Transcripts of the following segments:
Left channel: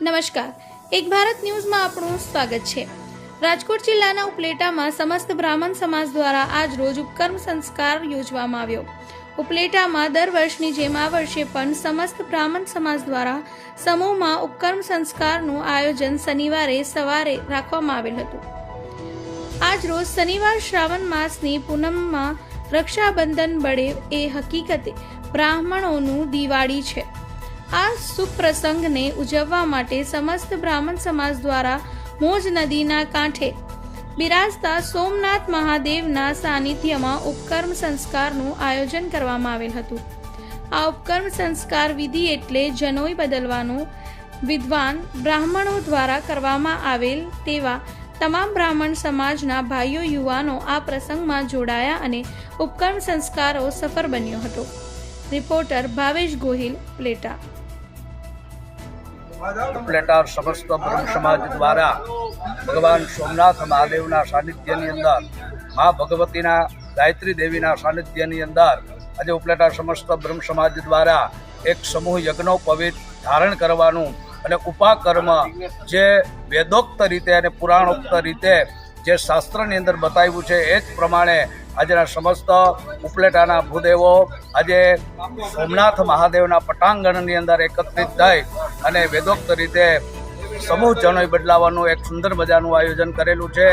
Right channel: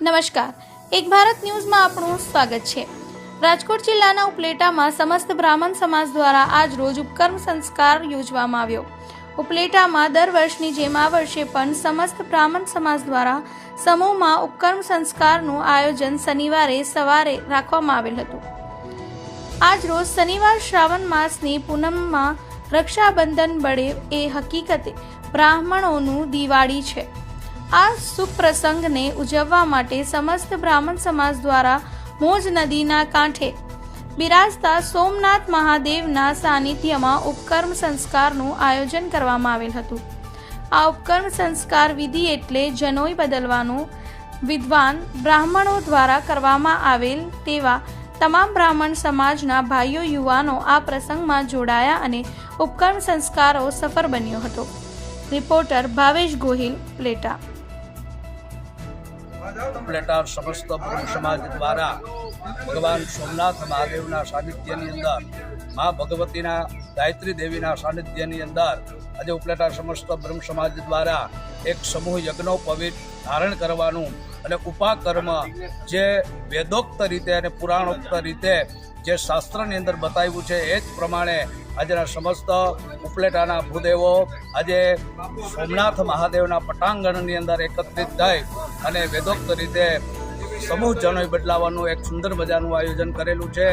નમસ્કાર, એક ભારત ન્યૂઝમાં આપનું સ્વાગત છે। રાજકોટ જિલ્લાના ઉપલેટામાં સમસ્ત બ્રાહ્મણ સમાજ દ્વારા આજ રોજ ઉપકર્મ સંસ્કાર યોજવામાં આવ્યો। ઉપલેટામાં દર વર્ષની જેમ આ વર્ષે પણ સમસ્ત બ્રાહ્મણ સમાજ દ્વારા સમૂહમાં ઉપકર્મ સંસ્કારનું આયોજન શનિવારે સવારે રાખવામાં આવેલ હતું। આજ રોજ શનિવાર શ્રાવણ માસની પૂનમમાં રક્ષાબંધન બળે એ હકીકતે બ્રાહ્મણોનું દિવાળી છે। આ શુભ પ્રસંગને ઉજવવા માટે સમસ્ત બ્રાહ્મણ સમાજ દ્વારા મોજ નદીના કાંઠે બિરાજતા સોમનાથ મહાદેવના સાનિધ્યમાં ઉપકર્મ સંસ્કારનું આયોજન કરવામાં આવેલ હતું। આ ઉપકર્મ સંસ્કાર વિધિ એટલે જનોઈ બદલવાનું વિદ્વાન બ્રાહ્મણો દ્વારા કરવામાં આવેલ તેવા તમામ બ્રાહ્મણ સમાજના ભાઈઓ યુવાનો આ પ્રસંગમાં જોડાયા અને ઉપકર્મ સંસ્કારો સફળ બન્યો હતો। રિપોર્ટર ભાવેશ ગોહિલ, ઉપલેટા। ઉપલેટા સમસ્ત બ્રહ્મ સમાજ દ્વારા ભગવાન સોમનાથ મહાદેવના સાનિધ્યની અંદર મા ભગવતીના ગાયત્રી દેવીના સાનિધ્યની અંદર આજે ઉપલેટા સમસ્ત બ્રહ્મ સમાજ દ્વારા એક સમૂહ યજ્ઞોપવિત ધારણ કરવાનું અને ઉપાકર્મ જે વેદોક્ત રીતે અને પુરાણોક્ત રીતે જે શાસ્ત્રની અંદર બતાવ્યું છે એ જ પ્રમાણે આજના સમસ્ત ઉપલેટાના ભૂદેવો આજે સોમનાથ મહાદેવના પટાંગણની અંદર એકત્રિત થઈ અને વેદોક્ત રીતે સમૂહ જનોઈ બદલાવાનું એક સુંદર મજાનું આયોજન કરેલું છે।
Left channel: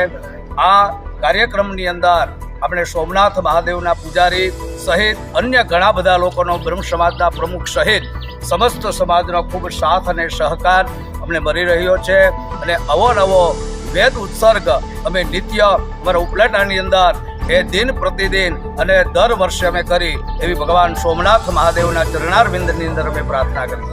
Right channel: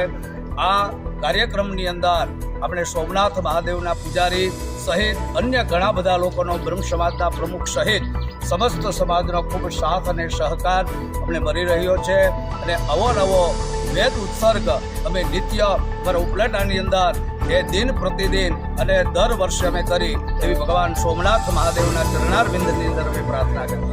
આ કાર્યક્રમની અંદર આપણે સોમનાથ મહાદેવના પૂજારી સહિત અન્ય ઘણા બધા લોકોનો બ્રહ્મ સમાજના પ્રમુખ સહિત સમસ્ત સમાજનો ખૂબ સાથ અને સહકાર અમને મળી રહ્યો છે અને અવનવો વેદ ઉત્સર્ગ અમે નિત્ય અમારા ઉપલેટાની અંદર એ દિન પ્રતિદિન અને દર વર્ષે અમે કરી એવી ભગવાન સોમનાથ મહાદેવના ચરણારવિંદની અંદર અમે પ્રાર્થના કરીએ।